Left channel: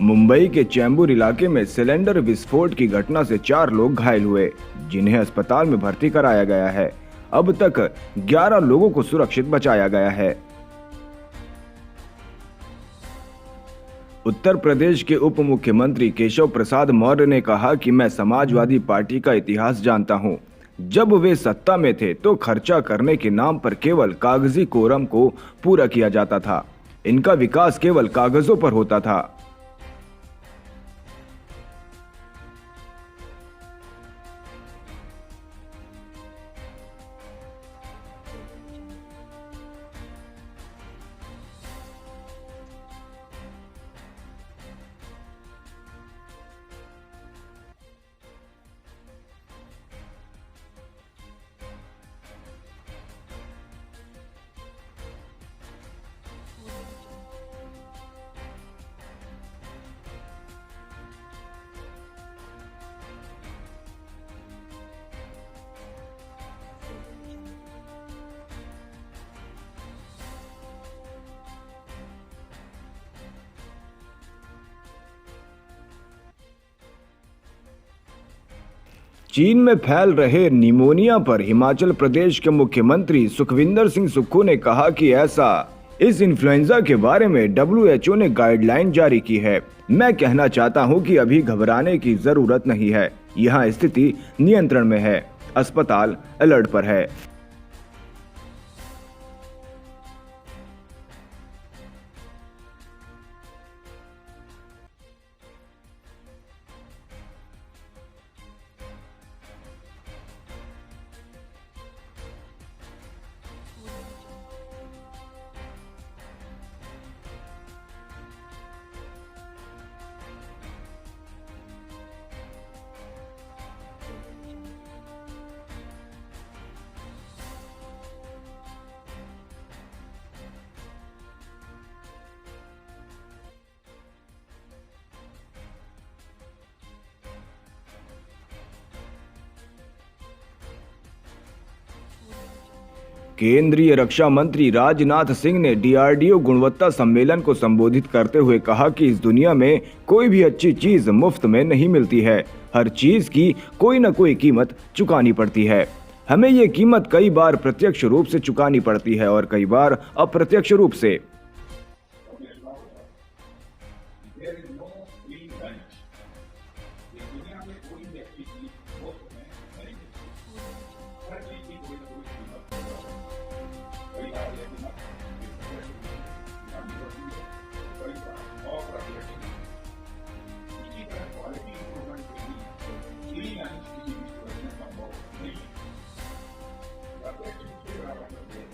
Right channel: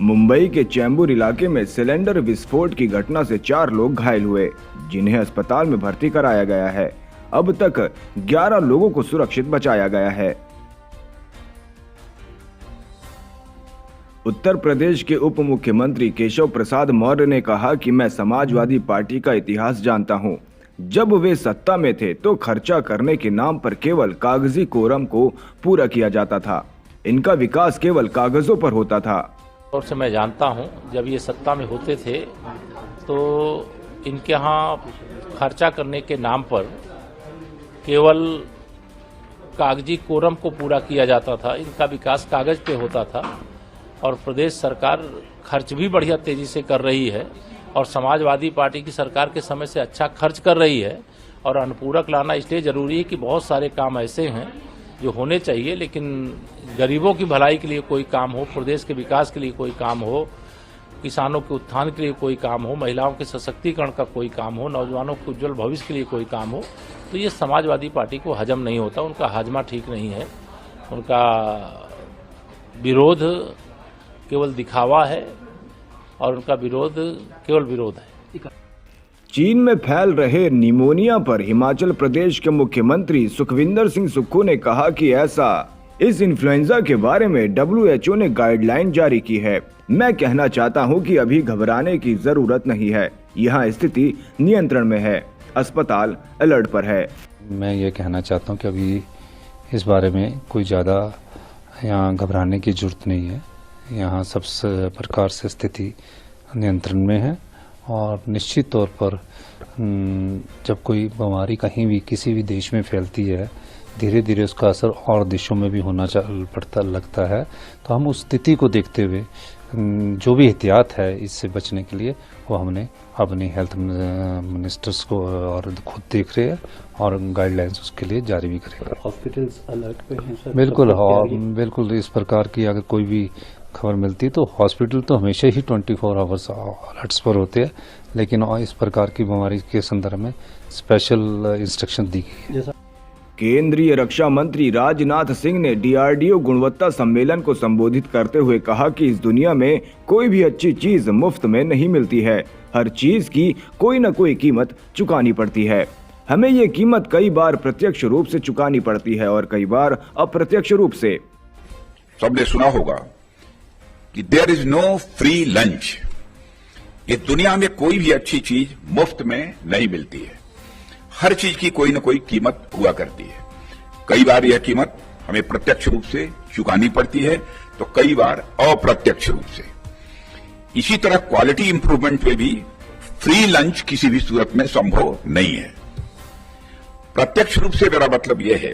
मुंबई के चैंबूर इलाके में सिलेंडर विस्फोट की घटना से 4 लोग घायल हुए, जिन्हें अस्पताल में भर्ती कराया गया है। अब तक 11 लोगों को सुरक्षित बचाया गया है। उत्तर प्रदेश के उप मुख्यमंत्री केशव प्रसाद मौर्य ने कहा कि मैं समाजवादी पार्टी का इतिहास जानता हूं। जब वे सत्ता में थे तो खर्चा करने के नाम पर केवल कागजी कोरम को पूरा किया जाता था। इनका विकास केवल कागजों पर होता था। और से मैं जानता हूं, जब ये सत्ता में होते थे तो इनके यहाँ खर्चा करने के नाम पर केवल कागजी कोरम को पूरा किया जाता था। इनका विकास कागज पे होता था और प्रदेश सरकार खर्च भी बढ़िया तेजी से कर रही है और समाजवादी पार्टी की सरकार के समय से अच्छा खर्च कर रही है। और अनुपूरक लाना इसलिए जरूरी है कि बहुत सारे काम ऐसे हैं जो होने चाहिए, लेकिन गरीबों की भलाई के लिए कोई काम हो, प्रदेश के विकास के लिए कोई काम हो, किसानों के उत्थान के लिए कोई काम हो, महिलाओं के सशक्तिकरण का कोई काम हो, नौजवानों के उज्जवल भविष्य के लिए कोई काम हो, तो ये समाजवादी पार्टी को हजम नहीं होता। उनका हाजमा ठीक नहीं है। उनका विरोध केवल दिखावा है और उनका विरोध केवल विरोध है। चीन में फैल रहे निमोनिया पर हिमाचल प्रदेश के मुख्यमंत्री सुखविंदर सिंह सुक्खू ने कहा कि इस इन्फ्लुएंजा के बारे में WHO ने गाइडलाइन जारी की है। मैं कहना चाहता हूं कि अभी घबराने की जरूरत नहीं है। यहां स्थिति नियंत्रण में है। अस्पताल अलर्ट पर है। मैं ये कहना चाहता हूं कि अभी इस बारे में कोई ज़्यादा यहाँ घबराने की जरूरत नहीं है। यहाँ सब प्रकार से स्थिति नियंत्रण में है और निश्चित तौर पर जब कोई बीमारी कहीं भी किसी भी देश में फैलती है, धीरे धीरे उसका असर और देशों में भी होना पड़ता लगता है। तो हम उस स्थिति को देखते हुए जो भी एहतियात है इससे बचने के लिए वो हमने अपनी हेल्थ मिनिस्टर्स को और खुद देख रहे हैं और गाइडलाइंस उसके लिए जारी भी करेगा। हॉस्पिटल्स अलर्ट पे हैं सर? बिल्कुल, बिल्कुल इस प्रकार की अगर कोई भी खबर मिलती है तो हॉस्पिटल तो हमेशा ही 24 आवर्स अलर्ट्स पर होते हैं, लेकिन इस प्रकार की बीमारी के संदर्भ में स्पेशल इंस्ट्रक्शन दी गई है। केंद्रीय रक्षा मंत्री राजनाथ सिंह ने DRDO गुणवत्ता सम्मेलन को संबोधित करते हुए कहा कि इस दुनिया में कोई भी अच्छी चीज मुफ्त में नहीं मिलती है। हर चीज की कोई न कोई कीमत चुकानी पड़ती है। हमें ये कीमत कई बार प्रत्यक्ष रूप से चुकानी पड़ती है और कई बार अप्रत्यक्ष रूप से। सबने सुना होगा कि there is no free lunch. इस दुनिया में कोई भी अच्छी चीज मुफ्त में नहीं मिलती है। हर चीज की कोई न कोई कीमत हुआ करती है। कई बार यह कीमत हमें प्रत्यक्ष रूप से चुकानी पड़ती है तो कई बार अप्रत्यक्ष रूप से। इसी तरह क्वालिटी इंप्रूवमेंट में भी फ्री लंच किसी भी सूरत में संभव नहीं है। प्रत्यक्ष रूप से मेरा मतलब यह है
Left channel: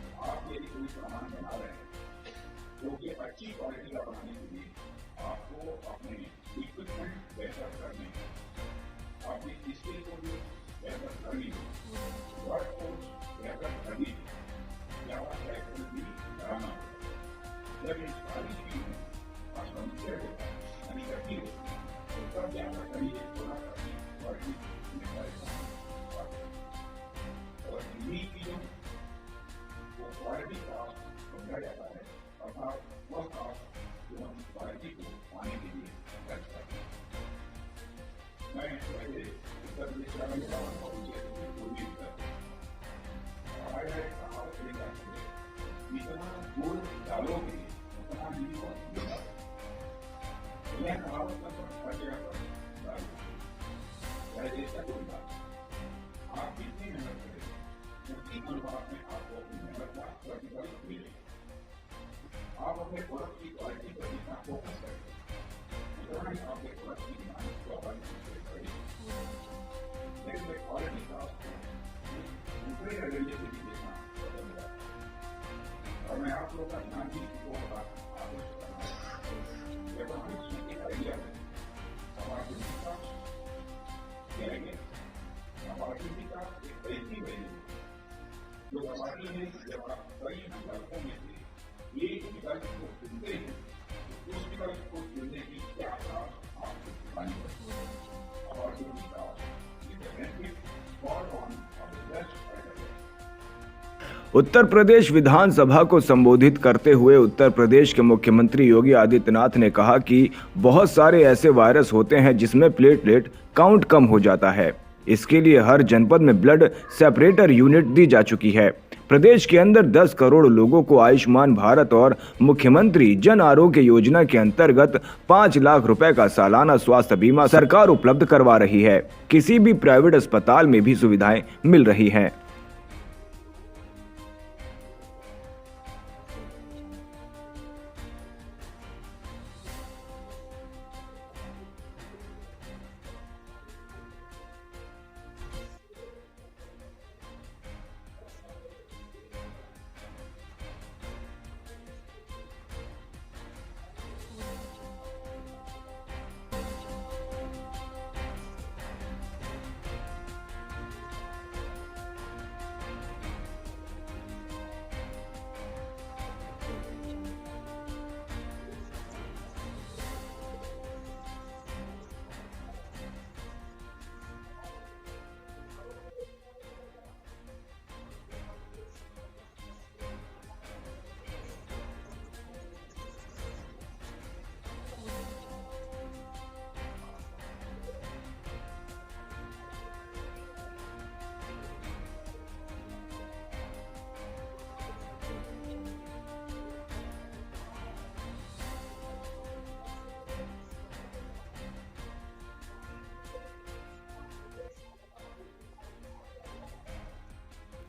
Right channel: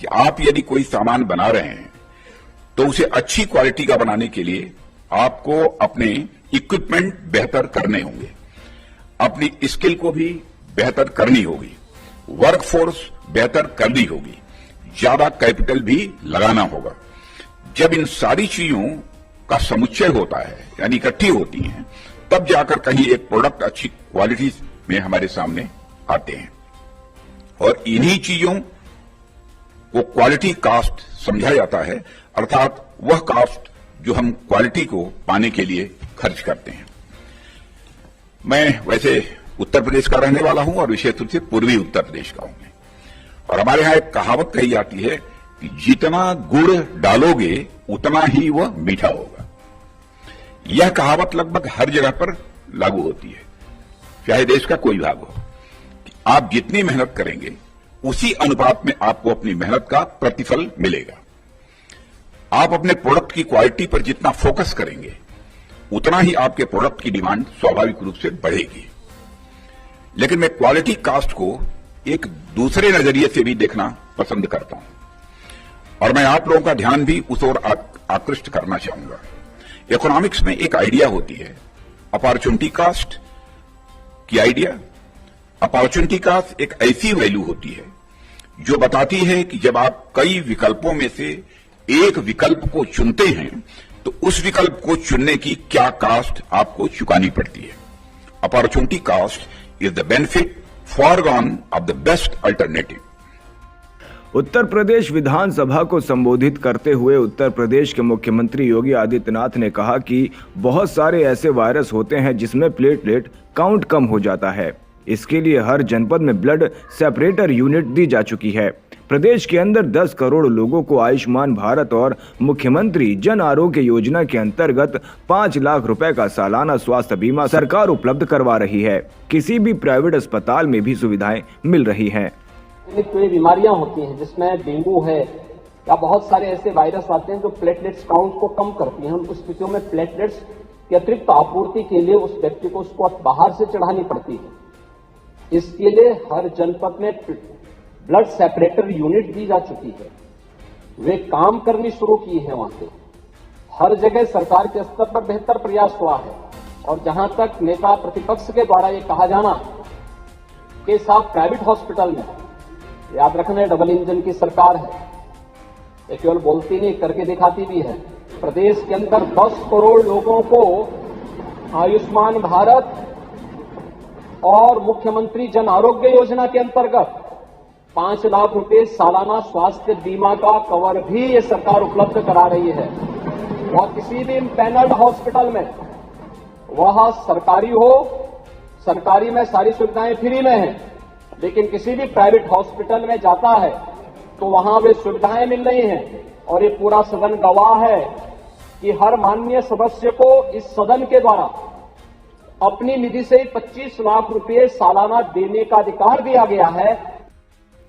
कि आप यदि कोई सामान बना रहे हैं तो उसे अच्छी क्वालिटी का बनाने के लिए आपको अपने इक्विपमेंट बेहतर करने होंगे, अपनी स्किल को भी बेहतर करनी होगी, वर्कफोर्स बेहतर करनी होगी, ज्यादा कैपिटल भी लगाना होगा। जब इन सारी चीजों का समुच्चय होता है यानी इकट्ठी होती हैं, तब जाकर कहीं एक प्रोडक्ट अच्छी क्वालिटी में हमारे सामने आते हैं और इन्हीं चीजों को क्वालिटी कास्ट समझा जाता है, अर्थात वह कास्ट जो हम क्वालिटी को पाने के लिए खर्च करते हैं। मैं वैसे उत्तर प्रदेश का रहने वाला हूं और विशेष रूप से पूर्वी उत्तर प्रदेश का हूं और हमारे यहां एक कहावत कही जाती है कि जितना गुड़ डालोगे उतना ही वह मीठा होगा। यह कहावत लगभग हर जगह पर लागू होती है, चाहे देश का कोई भाग हो। कि आप जितनी मेहनत करेंगे उसी अनुपात में आपको अपनी मेहनत का प्रतिफल मिलेगा। आप अपने प्रोडक्ट की क्वालिटी पर जितना फोकस करेंगे उतना ही आपके प्रोडक्ट की डिमांड स्वाभाविक रूप से बढ़ेगी। लेकिन मैं क्वालिटी कास्ट को एक दूसरे नजरिए से भी देखना पसंद करता हूं और मैं आप लोगों का ध्यान भी उस ओर आकृष्ट करना चाहूंगा। इकोनॉमिक्स में एक आइडिया होती है अपॉर्चुनिटी कास्ट की आइडिया। अपॉर्चुनिटी कास्ट एक ऐसी वैल्यू होती है जो बताती है कि जब आप कई विकल्पों में से एक विकल्प को चुनते हैं तो उस विकल्प को चुनने की क्या कास्ट आपको चुकानी पड़ती है। Opportunity cost is the benefit foregone of the best alternative. Uttar Pradesh विधानसभा को संबोधित करते हुए उत्तर प्रदेश के मुख्यमंत्री योगी आदित्यनाथ ने कहा कि बहुत सारे ऐसे वायरस होते हैं जिसमें प्लेटलेट काउंट कम हो जाता है। इसके लिए हर जनपद में ब्लड सेपरेटर यूनिट दी जा चुकी है। प्रदेश के अंदर 10 करोड़ लोगों को आयुष्मान भारत और मुख्यमंत्री जन आरोग्य योजना के अंतर्गत 5 लाख रुपए का सालाना स्वास्थ्य बीमा सरकार उपलब्ध करवा रही है। किसी भी प्राइवेट अस्पताल में भी सुविधाएं मिल रही हैं। कोई बीमारियां होती हैं जिसमें डेंगू है या बहुत सारे ऐसे वायरस आते हैं जो प्लेटलेट्स काउंट को कम करती हैं। उन स्थितियों में प्लेटलेट्स की अतिरिक्त आपूर्ति के लिए उस व्यक्ति को उसको बाहर से चढ़ानी पड़ती है। इसके लिए हर जनपद में ब्लड सेपरेटर यूनिट दी जा चुकी है। वे काम करनी शुरू की है। वहां से हर जगह सरकार के स्तर पर बेहतर प्रयास हुआ है। और जहां तक नेता प्रतिपक्ष के द्वारा ये कहा जाना कि साहब प्राइवेट हॉस्पिटल में, याद रखना डबल इंजन की सरकार है, ये केवल बोलती नहीं करके दिखाती भी है। प्रदेश के अंदर 10 करोड़ लोगों को आयुष्मान भारत और मुख्यमंत्री जन आरोग्य योजना के अंतर्गत 5 लाख रुपए सालाना स्वास्थ्य बीमा का कवर भी ये सरकार उपलब्ध करा रही है। और किसी भी पैनल्ड हॉस्पिटल में, वह सरकारी हो, सरकारी में सारी सुविधाएं फ्री में हैं, लेकिन किसी भी प्राइवेट हॉस्पिटल में जाता है तो वहां वे सुविधाएं मिल रही हैं। और ये पूरा सदन गवाह है कि हर माननीय सदस्य को इस सदन के द्वारा अपनी निधि से 25 लाख रुपए सालाना देने का अधिकार दिया गया है।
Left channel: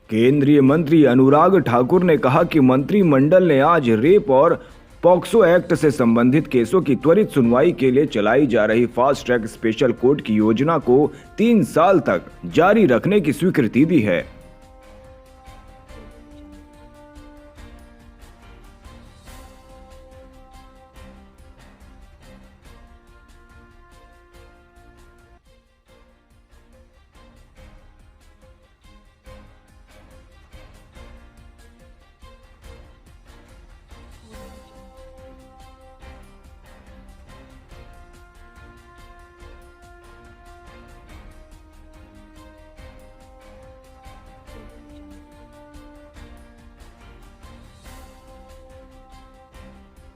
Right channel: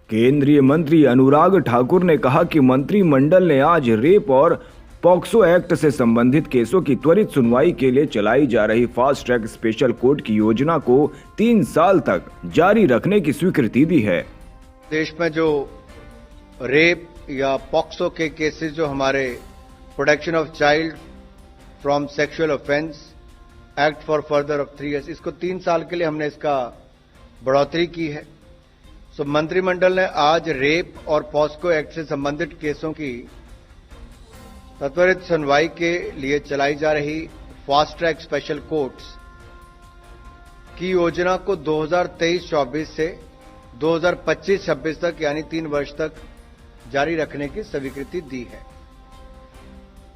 केंद्रीय मंत्री अनुराग ठाकुर ने कहा कि मंत्रिमंडल ने आज रेप और पॉक्सो एक्ट से संबंधित केसों की त्वरित सुनवाई के लिए चलाई जा रही फास्ट ट्रैक स्पेशल कोर्ट की योजना को 3 साल तक जारी रखने की स्वीकृति दी है। देश में जो रेप या पॉक्सो के केसेस जो हमारे protection of child from sexual offence act for further of 3 years, इसको 3 साल के लिए हमने इसका बढ़ोतरी की है। सो मंत्रिमंडल ने आज रेप और पॉक्सो एक्ट से संबंधित केसों की त्वरित सुनवाई के लिए चलाई जा रही फास्ट ट्रैक स्पेशल कोर्ट्स की योजना को 2023-24 से 2025-26 तक यानी 3 वर्ष तक जारी रखने की स्वीकृति दी है।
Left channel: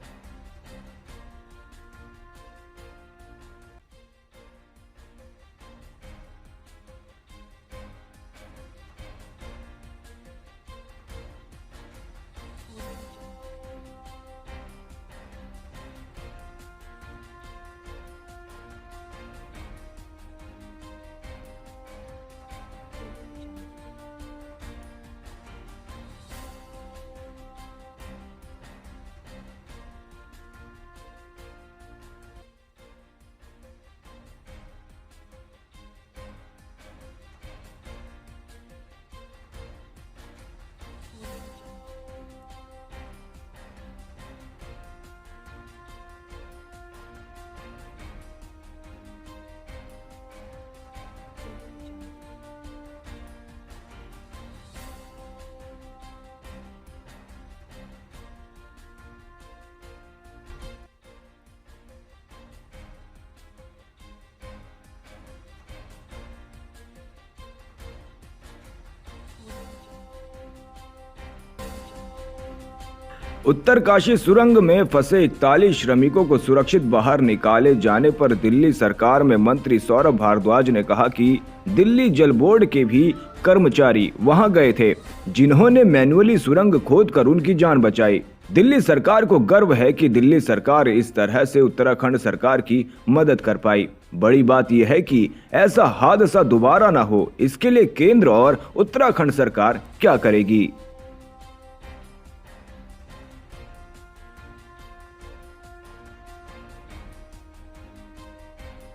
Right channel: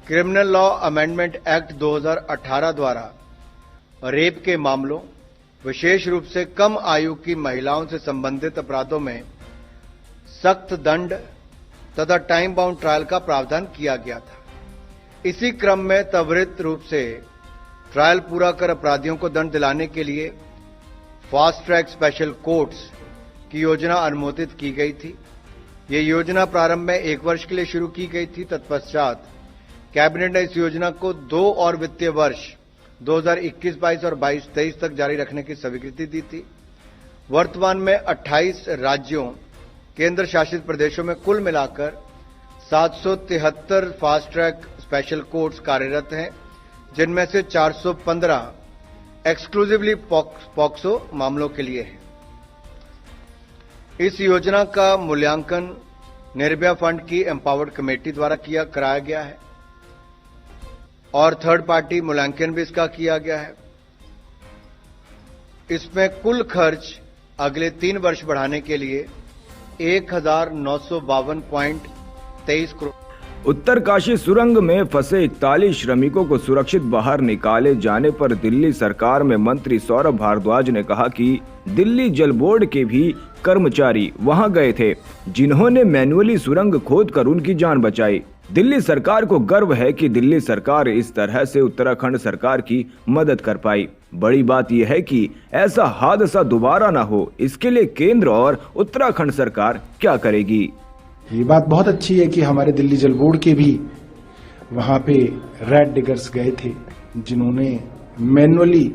क्रिमिनल लॉ अमेंडमेंट एक्ट 2018 द्वारा रेप के मामलों, विशेष रूप से कम आयु की महिलाओं से संबंधित अपराधों में सख्त दंड तथा टाइम बाउंड ट्रायल का प्रावधान किया गया था। इसी क्रम में त्वरित रूप से ट्रायल पूरा कर अपराधियों को दंड दिलाने के लिए फास्ट ट्रैक स्पेशल कोर्ट्स की योजना अनुमोदित की गई थी। ये योजना प्रारंभ में 1 वर्ष के लिए शुरू की गई थी। तत्पश्चात कैबिनेट ने इस योजना को 2 और वित्तीय वर्ष 2021-22 और 22-23 तक जारी रखने की स्वीकृति दी थी। वर्तमान में 28 राज्यों, केंद्र शासित प्रदेशों में कुल मिलाकर 773 फास्ट ट्रैक स्पेशल कोर्ट्स कार्यरत हैं, जिनमें से 415 एक्सक्लूसिवली पॉक्सो मामलों के लिए है। इस योजना का मूल्यांकन निर्भया फंड की एम्पावर्ड कमेटी द्वारा कराया गया है और थर्ड पार्टी मूल्यांकन भी इसका किया गया है। इसमें कुल खर्च अगले 3 वर्ष बढ़ाने के लिए 1952.23 करोड़। उत्तरकाशी सुरंग में फंसे 41 श्रमिकों को सुरक्षित बाहर निकाले जाने पर दिल्ली सरकार में मंत्री सौरभ भारद्वाज ने कहा कि दिल्ली जल बोर्ड के भी कर्मचारी वहां गए थे, जिन्होंने मैन्युअली सुरंग खोदकर उनकी जान बचाई। दिल्ली सरकार को गर्व है कि दिल्ली सरकार इस तरह से उत्तराखंड सरकार की मदद कर पाई। बड़ी बात यह है कि ऐसा हादसा दोबारा ना हो, इसके लिए केंद्र और उत्तराखंड सरकार क्या करेगी। ये बात बहुत अच्छी है कि हमारे दिल्ली जल बोर्ड के भी वहां पे रेड डिगर्स गए थे, जिन्होंने मैनुअली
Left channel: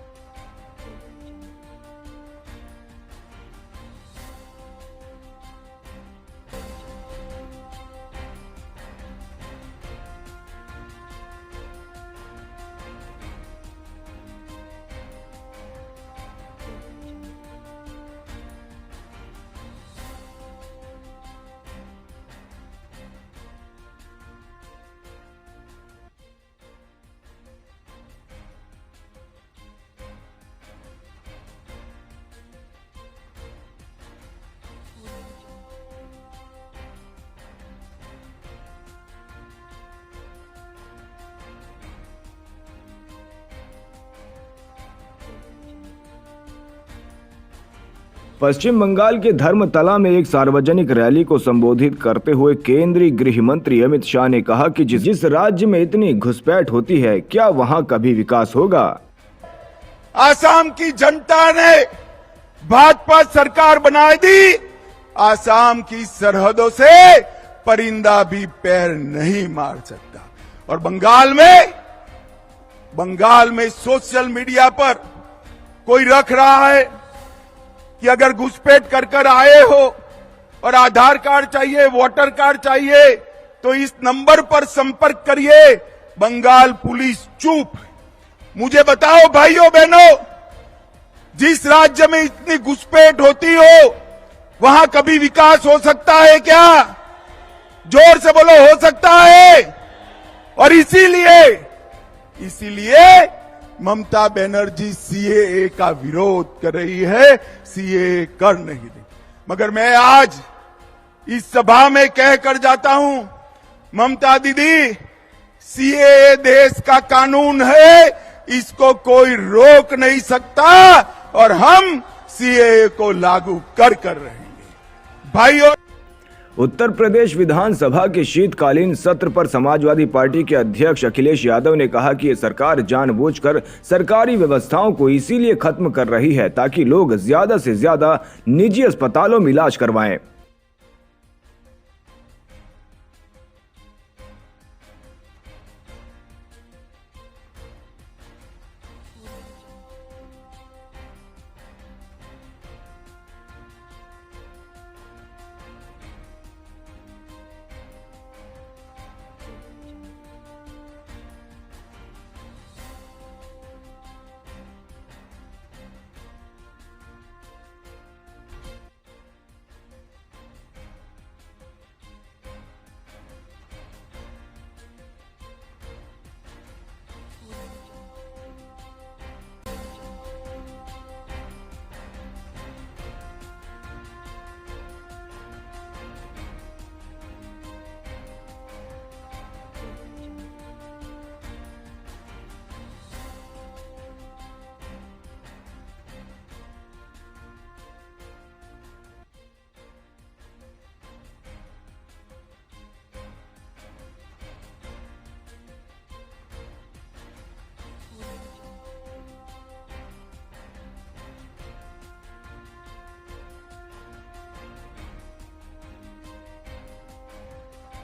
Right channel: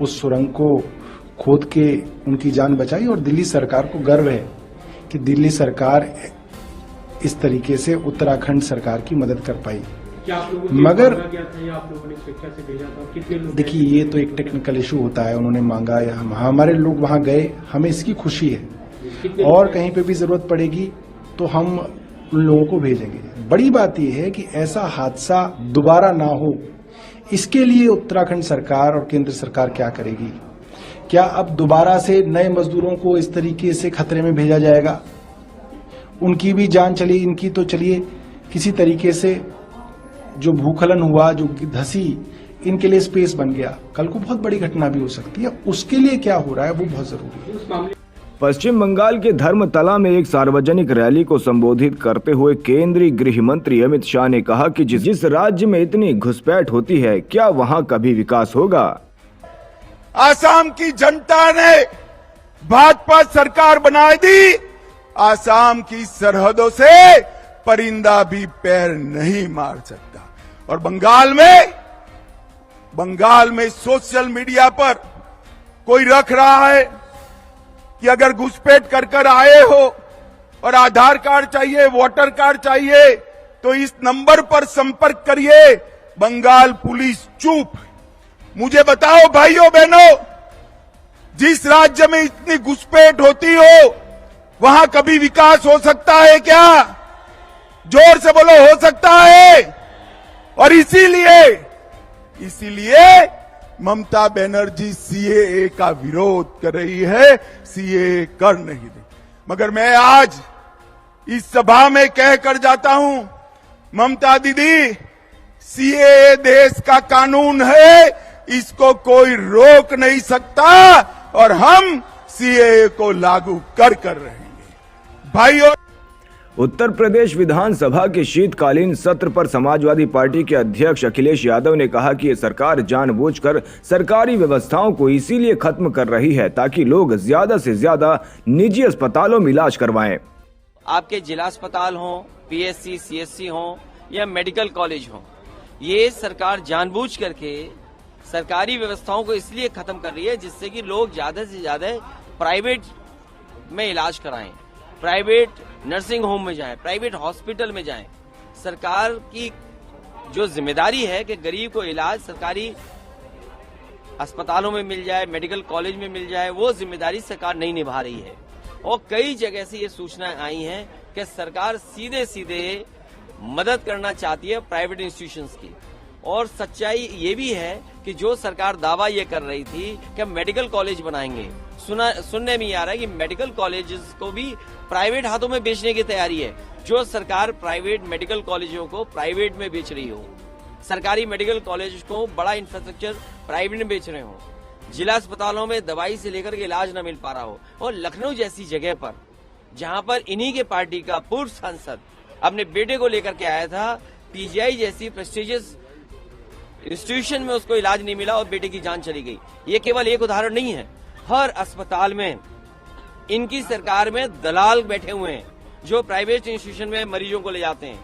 उस सुरंग को खोद के उनकी जान बचाई। और दिल्ली सरकार को गर्व है कि दिल्ली सरकार इस तरीके से उत्तराखंड सरकार की मदद कर पाई। मगर देखिए, ये तो एक टेक्निकल इशू होता है, उन्होंने मांगा या हमारे लोग वहां गए, हमें इसकी खुशी है। और कहीं पे भी जरूरत पड़ेगी तो हम उन लोगों को भेजेंगे। बड़ी बात यह है कि ऐसा हादसा दोबारा ना हो, इसके लिए उत्तराखंड सरकार और केंद्र सरकार क्या करेगी। क्या अब दोबारा से नए मजदूरों को इस तरीके से खतरे में भेजा जाएगा? उनकी भी जान चली, इनकी तो चलिए किसी तरीके से जो भूखलन हुआ, जो धसी, इनके लिए स्पेस बन गया। कल को बहुत बड़ी घटना भी हो सकती है, उसके लिए क्या हो रहा है वो बहुत जरूरी है। पश्चिम बंगाल के धर्मतला में एक सार्वजनिक रैली को संबोधित करते हुए केंद्रीय गृह मंत्री अमित शाह ने कहा कि जिस राज्य में इतनी घुसपैठ होती है, क्या वहां कभी विकास होगा? आसाम की जनता ने भाजपा सरकार बना दी। आसाम की सरहदों से परिंदा भी पैर नहीं मार सकता। और बंगाल में सोशल मीडिया पर कोई रख रहा है कि अगर घुसपैठ कर आए हो और आधार कार्ड चाहिए, वोटर कार्ड चाहिए, तो इस नंबर पर संपर्क करिए। बंगाल पुलिस चुप। मुझे बताओ भाइयों बहनों, जिस राज्य में इतनी घुसपैठ होती हो, वहां कभी विकास हो सकता है क्या? जोर से बोलो, हो सकता है? और इसीलिए ममता बनर्जी सीएए का विरोध कर रही है, सीएए कर नहीं दे। मगर मैं आज इस सभा में कहकर जाता हूं, ममता दीदी, सीएए देश का कानून है, इसको कोई रोक नहीं सकता और हम सीएए को लागू कर रहेंगे। भाइयों, उत्तर प्रदेश विधानसभा के शीतकालीन सत्र पर समाजवादी पार्टी के अध्यक्ष अखिलेश यादव ने कहा कि ये सरकार जानबूझकर सरकारी व्यवस्थाओं को इसीलिए खत्म कर रही है ताकि लोग ज्यादा से ज्यादा निजी अस्पतालों में इलाज करवाएं। आपके जिला अस्पताल हो, पीएससी, सीएससी हो या मेडिकल कॉलेज हो, ये सरकार जानबूझ करके सरकारी व्यवस्थाओं को इसलिए खत्म कर रही है जिससे कि लोग ज्यादा से ज्यादा प्राइवेट में इलाज कराएं, प्राइवेट नर्सिंग होम में जाएं, प्राइवेट हॉस्पिटल में जाएं। सरकार की जो जिम्मेदारी है कि गरीब को इलाज सरकारी अस्पतालों में मिल जाए, मेडिकल कॉलेज में मिल जाए, वो जिम्मेदारी सरकार नहीं निभा रही है। और कई जगह से ये सूचनाएं आई हैं कि सरकार सीधे सीधे मदद करना चाहती है प्राइवेट इंस्टीट्यूशंस की। और सच्चाई ये भी है कि जो सरकार दावा ये कर रही थी कि हम मेडिकल कॉलेज बनाएंगे, सुनने में आ रहा है कि मेडिकल कॉलेजेस को भी प्राइवेट हाथों में बेचने की तैयारी है। जो सरकार प्राइवेट मेडिकल कॉलेजों को प्राइवेट में बेच रही हो, सरकारी मेडिकल कॉलेज को बड़ा इंफ्रास्ट्रक्चर प्राइवेट में बेच रहे हो, जिला अस्पतालों में दवाई से लेकर के इलाज न मिल पा रहा हो, और लखनऊ जैसी जगह पर जहां पर इन्हीं के पार्टी का पूर्व सांसद अपने बेटे को लेकर के आया था, पीजीआई जैसी प्रेस्टिजियस इंस्टीट्यूशन में उसको इलाज नहीं मिला और बेटे की जान चली गई। ये केवल एक उदाहरण नहीं है, हर अस्पताल में इनकी सरकार में दलाल बैठे हुए हैं जो प्राइवेट इंस्टीट्यूशन में मरीजों को ले जाते हैं।